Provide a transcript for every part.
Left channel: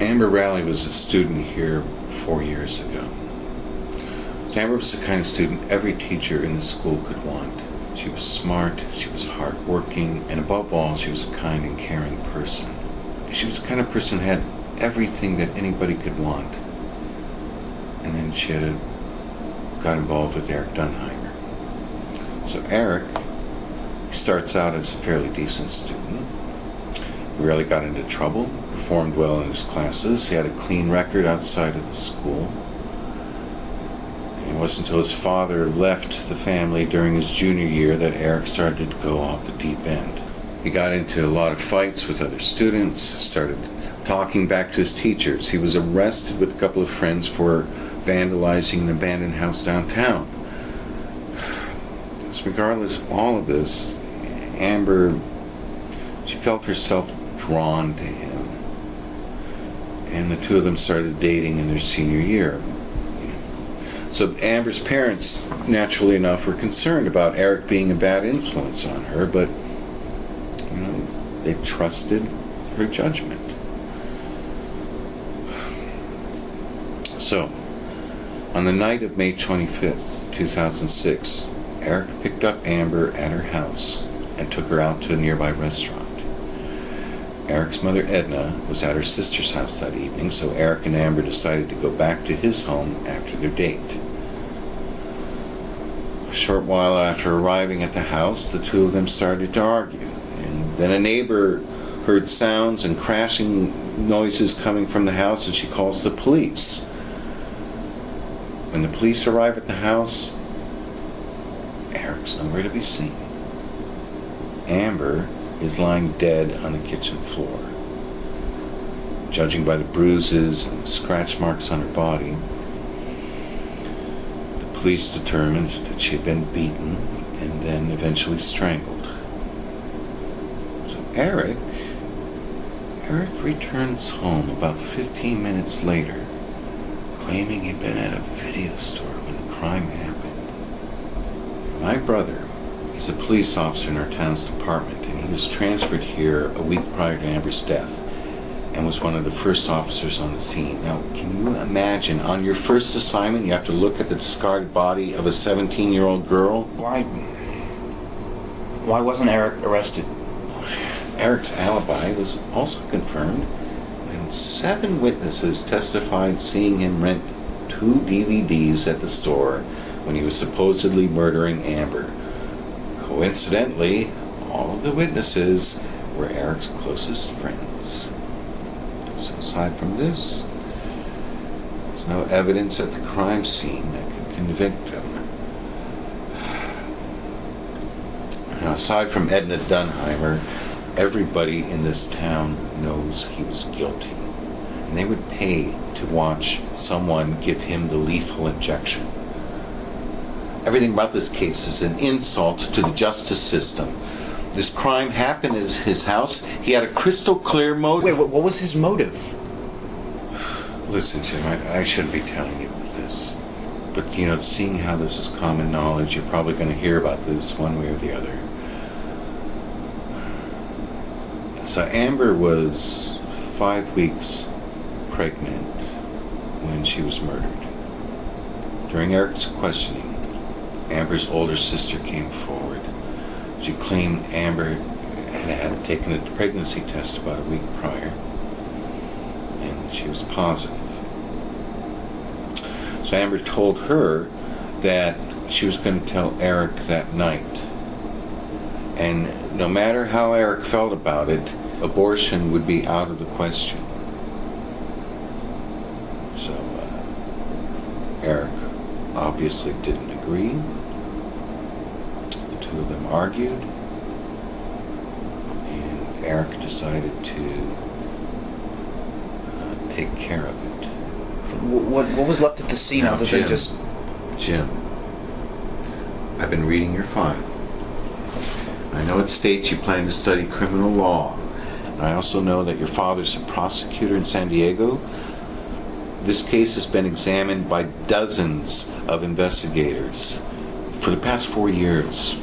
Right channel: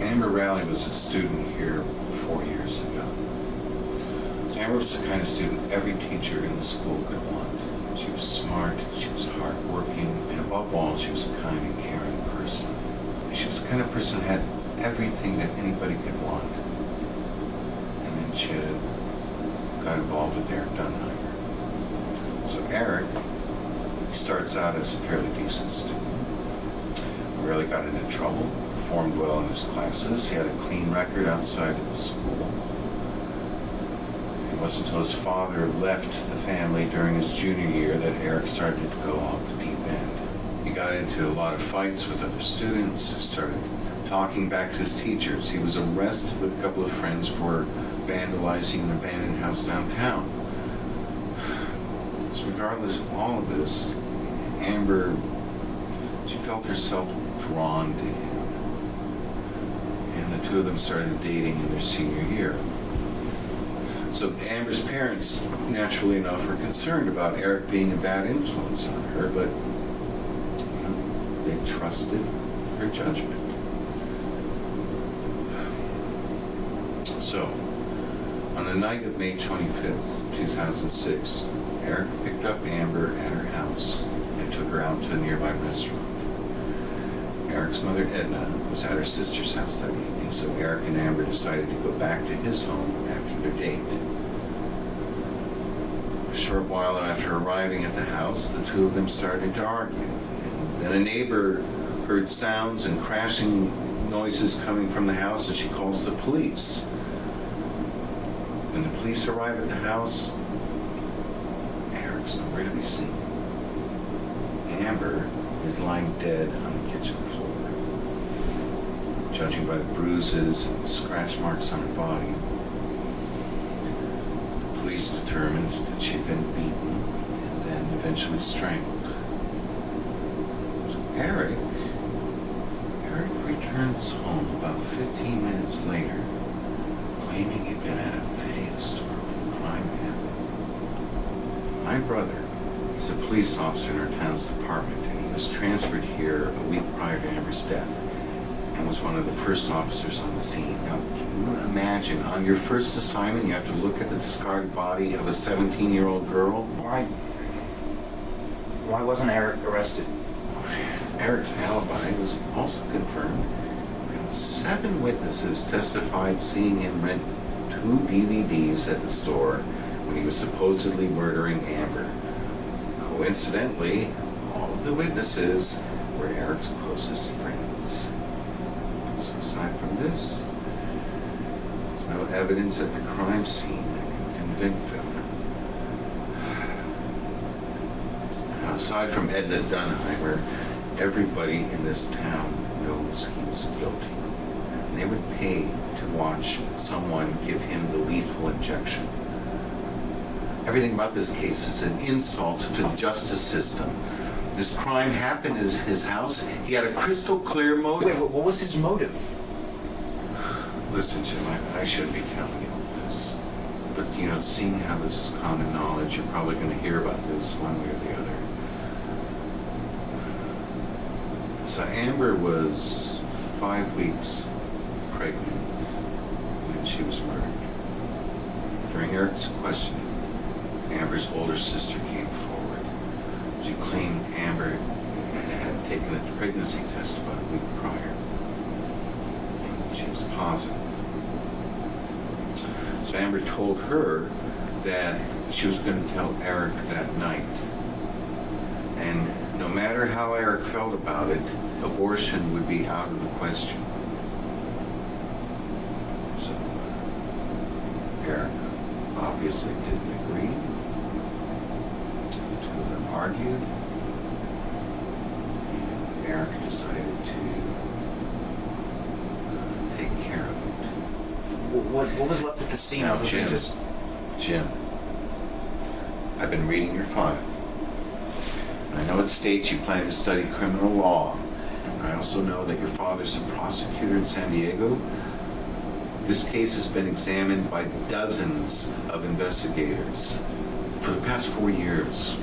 Amber Rowley was a student here 4 years ago. So Amber was the kind of student every teacher in the school could want. She was smart, she was hardworking, and above all, she was a kind and caring person. She was the kind of person who had everything that anybody could want. And then she got involved with Eric Dunheimer. So Eric starts out as a fairly decent student. Rarely got into trouble, performed well in his classes. He had a clean record outside of the school. It wasn't until his father left the family during his junior year that Eric started to go off the deep end. He got into a lot of fights with other students, started talking back to his teachers. He was arrested with a couple of friends for vandalizing an abandoned house downtown. So regardless of all of this, Amber, she felt herself drawn to him. And the two of them started dating in their senior year. So Amber's parents, naturally enough, were concerned about Eric being a bad influence on her, but they trusted her judgment. So, on the night of May 25th, 2006, Eric picked up Amber at her house and took her out to a nearby restaurant. Eric's mother, Edna, was at her sister's house that evening, so Eric and Amber decided to go back to his home after their date. A short while after arriving at the house, the two of them started to argue. And then a neighbor heard sounds and crashing noises coming from the house, and she calls the police. When the police arrive at the house, Eric's nowhere to be seen. Amber is lying dead on the kitchen floor. Judging by the bruises and scratch marks on her body, the police determined that she had been beaten and then eventually strangled. So Eric returns home about 15 minutes later, claiming he'd been at a video store when the crime happened. My brother, he's a police officer in our town's department, and he was transferred here a week prior to Amber's death and was one of the first officers on the scene. Now, can you imagine, on your first assignment, you have to look at the discarded body of a 17-year-old girl? Why wasn't Eric arrested? Eric's alibi was also confirmed, and 7 witnesses testified seeing him rent 2 DVDs at the store when he was supposedly murdering Amber. Coincidentally, all of the witnesses were Eric's closest friends. So aside from this, there's no evidence at the crime scene that can convict him. Now, aside from Edna Dunheimer, everybody in this town knows he was guilty. And they would pay to watch someone give him the lethal injection. Everything about this case is an insult to the justice system. This crime happened at his house. He had a crystal clear motive. Wait, what was his motive? Listen, Jim, I shouldn't be telling you all this. But, seeing how this is common knowledge, you're probably going to hear about this one way or the other. So Amber was 5 weeks pregnant when she was murdered. During Eric's questioning, Amber's older sister came forward. She claimed Amber had taken a pregnancy test about a week prior, and she was positive. So Amber told her that she was going to tell Eric that night. And no matter how Eric felt about it, abortion would be out of the question. So Eric obviously didn't agree. The two of them argued, and Eric decided to take care of it. What was left at the scene Now, other than just... Jim, I've been reading your file. I know it states you plan to study criminal law. And I also know that your father's a prosecutor in San Diego. This case has been examined by dozens of investigators for the past 4 years.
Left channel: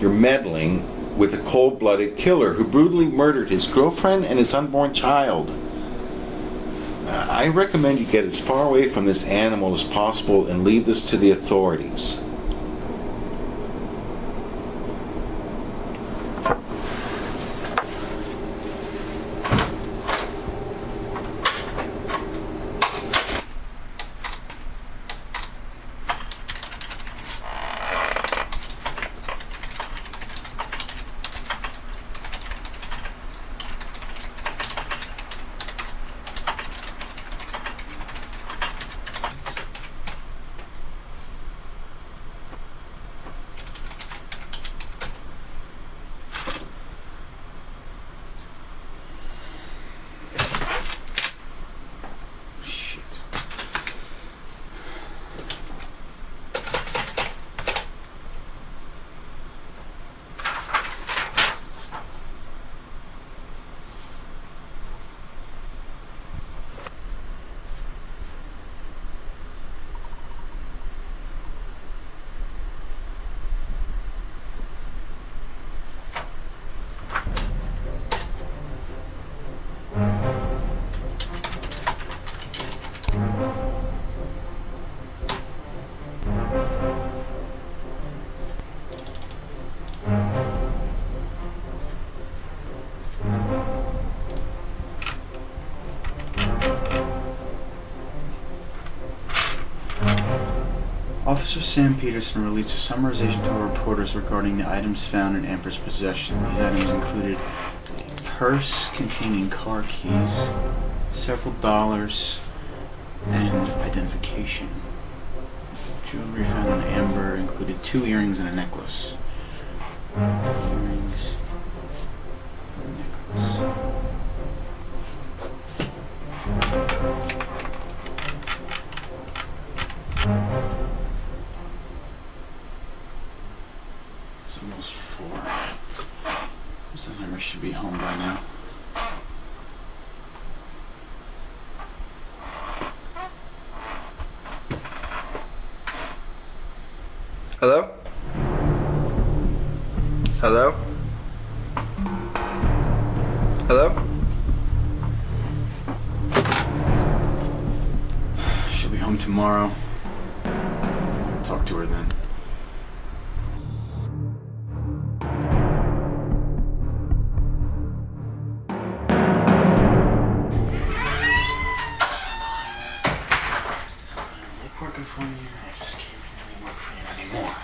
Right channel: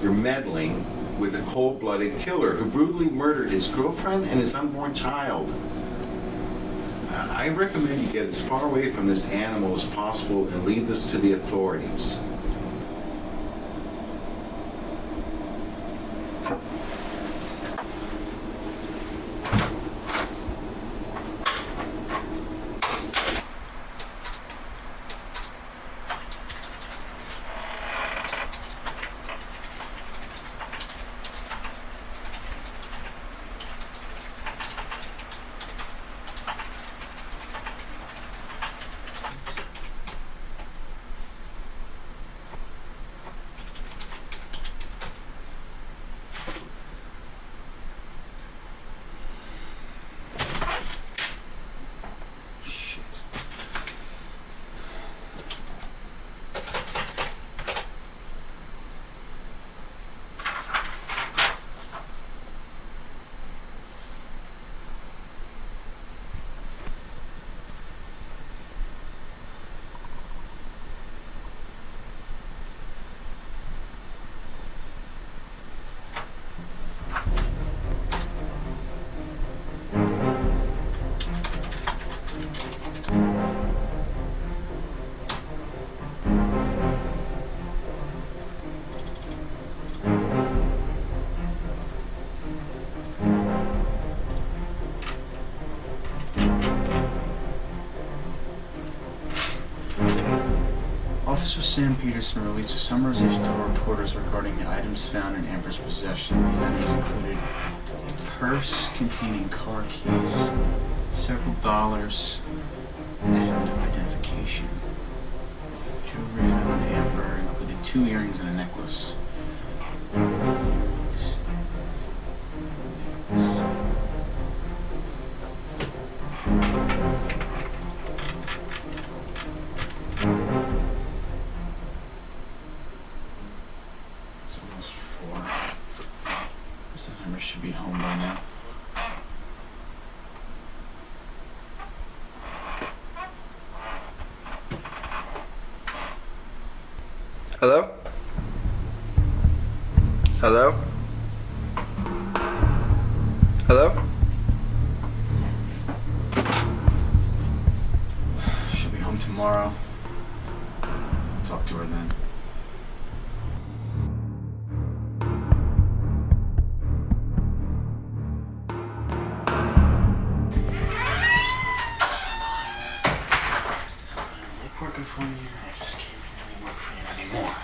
You're meddling with a cold-blooded killer who brutally murdered his girlfriend and his unborn child. I recommend you get as far away from this animal as possible and leave this to the authorities. Officer Sam Peterson released a summarization to our reporters regarding the items found in Amber's possession. These items included a purse containing car keys, several dollars, and identification. Jewelry found on Amber included 2 earrings and a necklace. Earrings, necklace. It's almost 4. So Amber should be home by now. Hello? Hello? Hello? She'll be home tomorrow. I'll talk to her then. Working for you. I just can't really work for you anymore.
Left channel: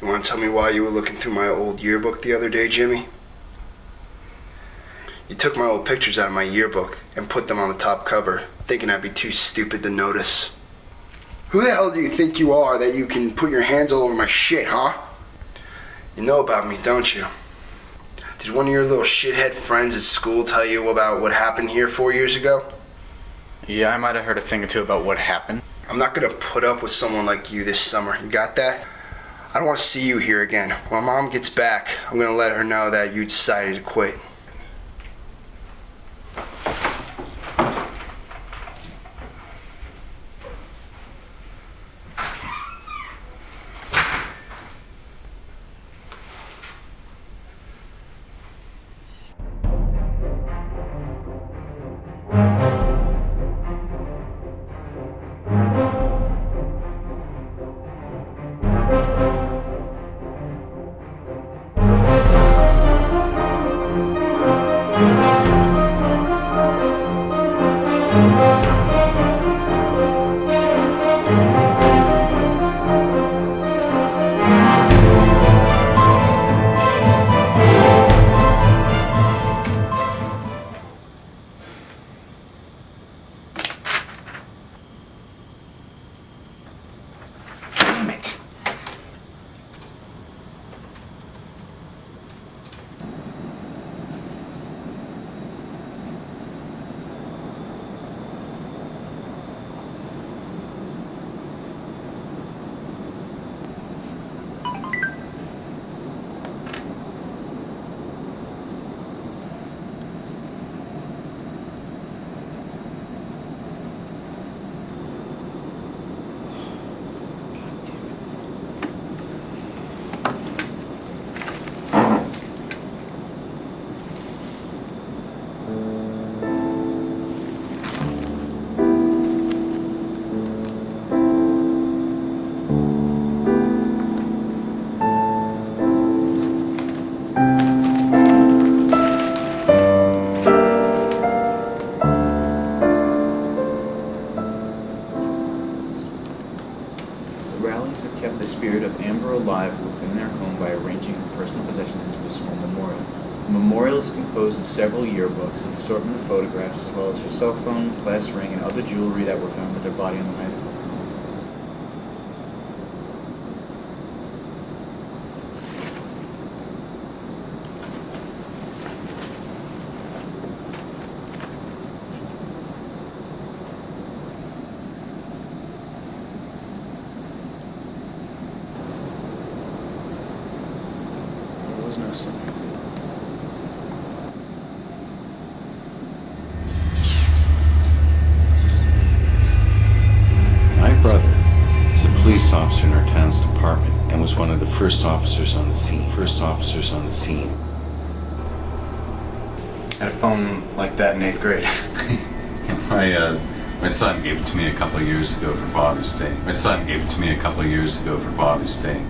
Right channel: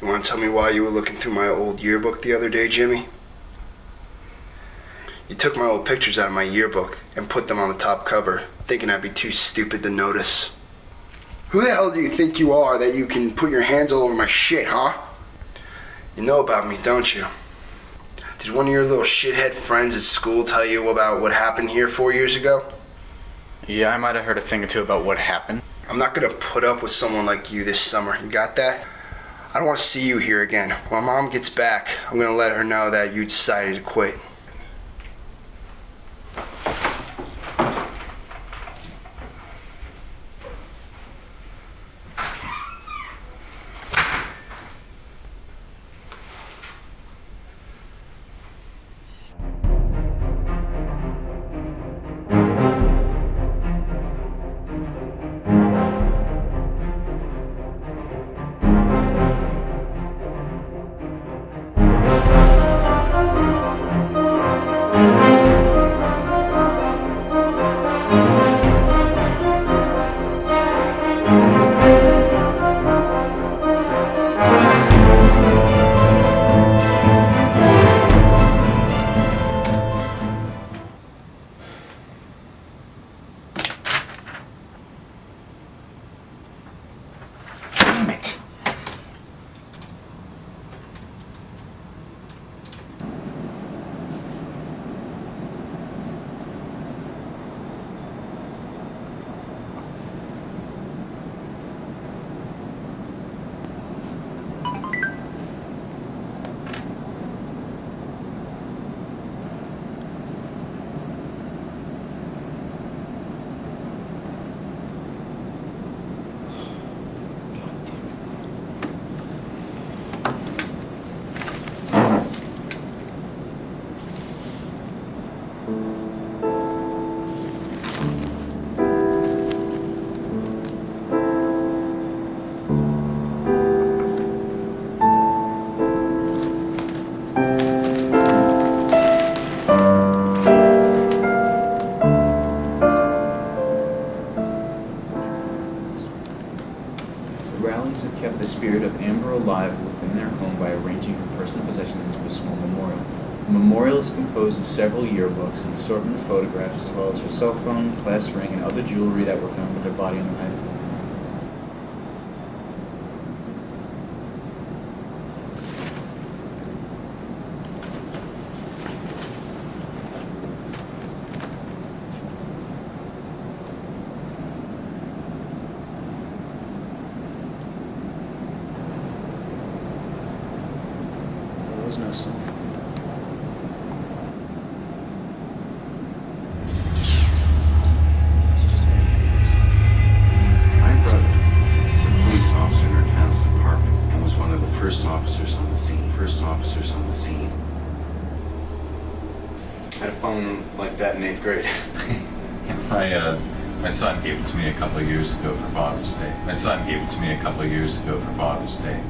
You want to tell me why you were looking through my old yearbook the other day, Jimmy? You took my old pictures out of my yearbook and put them on the top cover, thinking I'd be too stupid to notice. Who the hell do you think you are that you can put your hands all over my shit, huh? You know about me, don't you? Did one of your little shithead friends at school tell you about what happened here 4 years ago? Yeah, I might have heard a thing or two about what happened. I'm not gonna put up with someone like you this summer. You got that? I don't want to see you here again. When Mom gets back, I'm gonna let her know that you decided to quit. spirit of Amber alive within their home by arranging her personal possessions into a small memorial. The memorial is composed of several yearbooks, an assortment of photographs, as well as her cell phone, class ring, and other jewelry that were found with her body on the items. There was no cell phone. My brother is a police officer in our town's department and was one of the first officers on the scene. I had a phone like that in 8th grade. My son gave it to me a couple of years ago for Father's Day.